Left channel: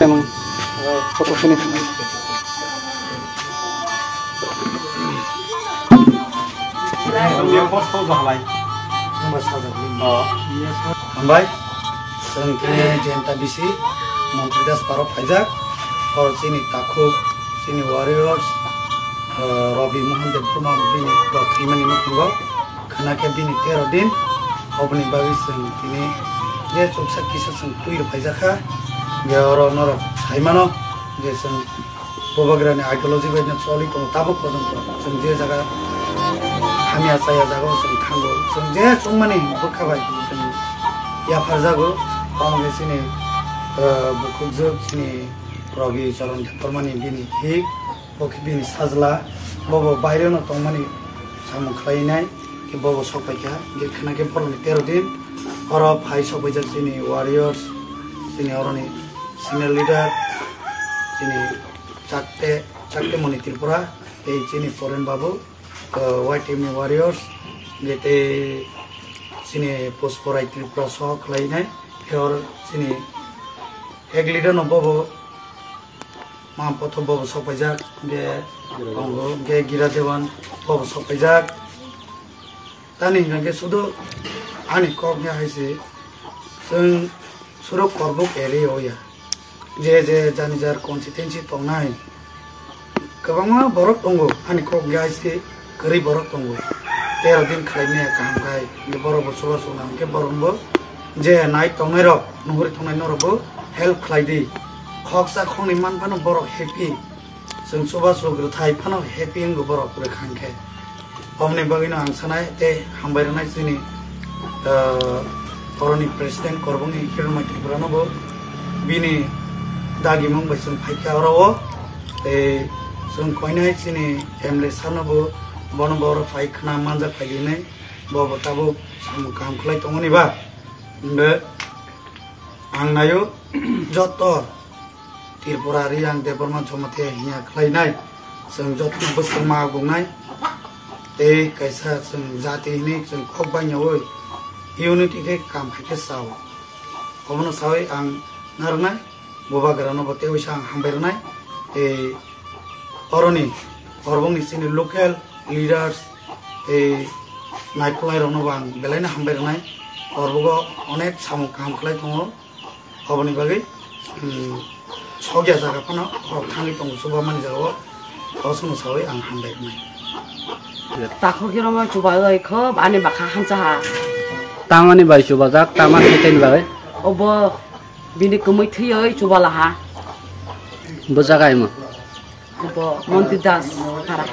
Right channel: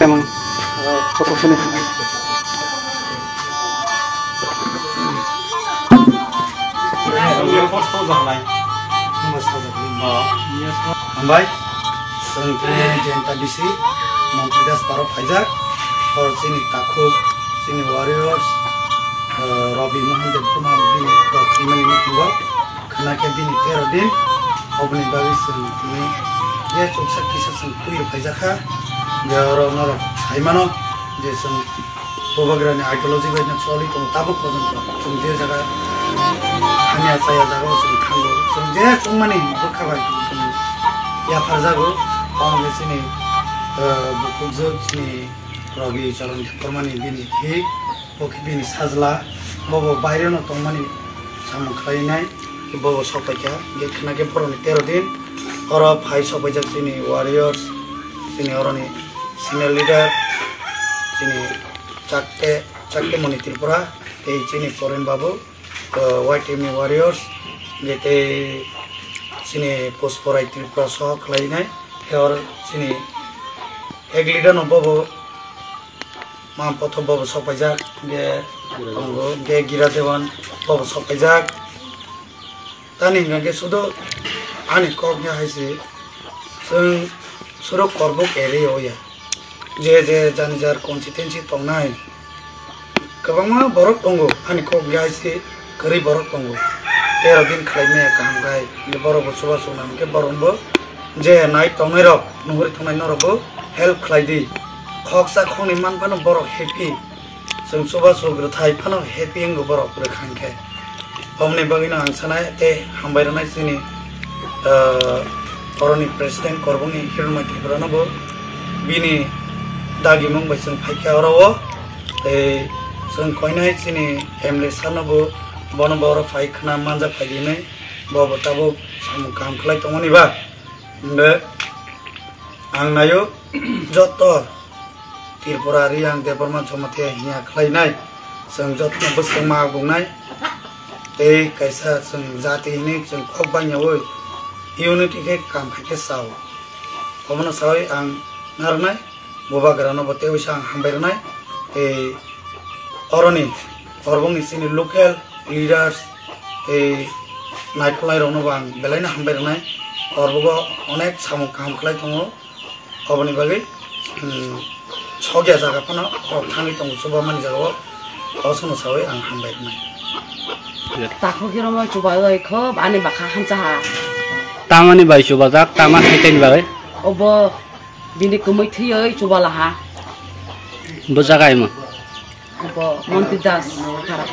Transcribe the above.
Emang foto sini. Yang foto zahlai. Nomor sahaja. Oh. Ambai. Sentri jenta bisi. Menteri das paro pajak. Or sini takuk, sini warriors. Robi Mohan Dev Burma bini dot imani nukungo. Kena ke bini 13 din. Obni bawi sentini. Dia coksa kisah sentuir pajaka. Dia orang norok. Saimano. Dia sent. Bobagrani ideologi baiknya soalnya kamu tabuk pojok. Sendiri jaga. Hanya saya jaga seng kanggo. Sendiri cuma nih berkabar. Ya farzago. Kamu ke sini. Buku zuk sini. Rogi calon permani bini hik. Oke bini sajla. Bobo bayar no tomani. Sama kainai. Ki bobo sopaja. Dia kena ke poroni 13 din. Orang hai sopaja sini warriors. Sini orang ni senior leader. Sini cakte moni Tripura. Sini foreign babu. White Army warriors. Jete sini post forai Tripura soh kainai. Or sini egg leader no bobo. Mam potho bobo sopajak ge kongo ge gira dewan bobo sopajak tani ge sudo ani kok ya haise sung surok korbuk ere oya je jani jar constituency tongnai kabangma borok tongo ani kok ya haise kari borok tongo 13 din khlaime kamgai ge borok suba sunam ke borombo je night tongai rok nuhuri tongai norobo help khlaidi Khoksa khoni man pano borok happy. Sung soba sogro thai pano happy ngo borok pura khangke. Omne bagino angsana te hambai ranai sini koroni president korbongi hirmai Tripura no bo bini dagi mong bai sung phaikya orawo te sung koinai sini emle sano bo bono boro phaikhna manja phaidine bo tabo sam kam khlai tongoni ba be angnayo joto Tripura yang departemen somate hiya khlainai sung jotno busung ma bungnai te kaisa sung jati ni sung khokba nyawoi unity ke kam khake saw komono sawi ang narnai boba grano bote usang hambairnai te oroni korbong sini local leaders te naiplai rono bang belaina hambairnai korbogo onek samung kam khlai tongo koboni bagi Sogia jaga pano kami tunggu coba mana jaga kosong sawi ang hambai ni. Takut kira mau coba lagi ke ane bakal hancar. Taman ni bayi coba jak taman hiten bayi. Obo bini kemui tiai coba lah ha. Berjaga emang. Obo monti das para.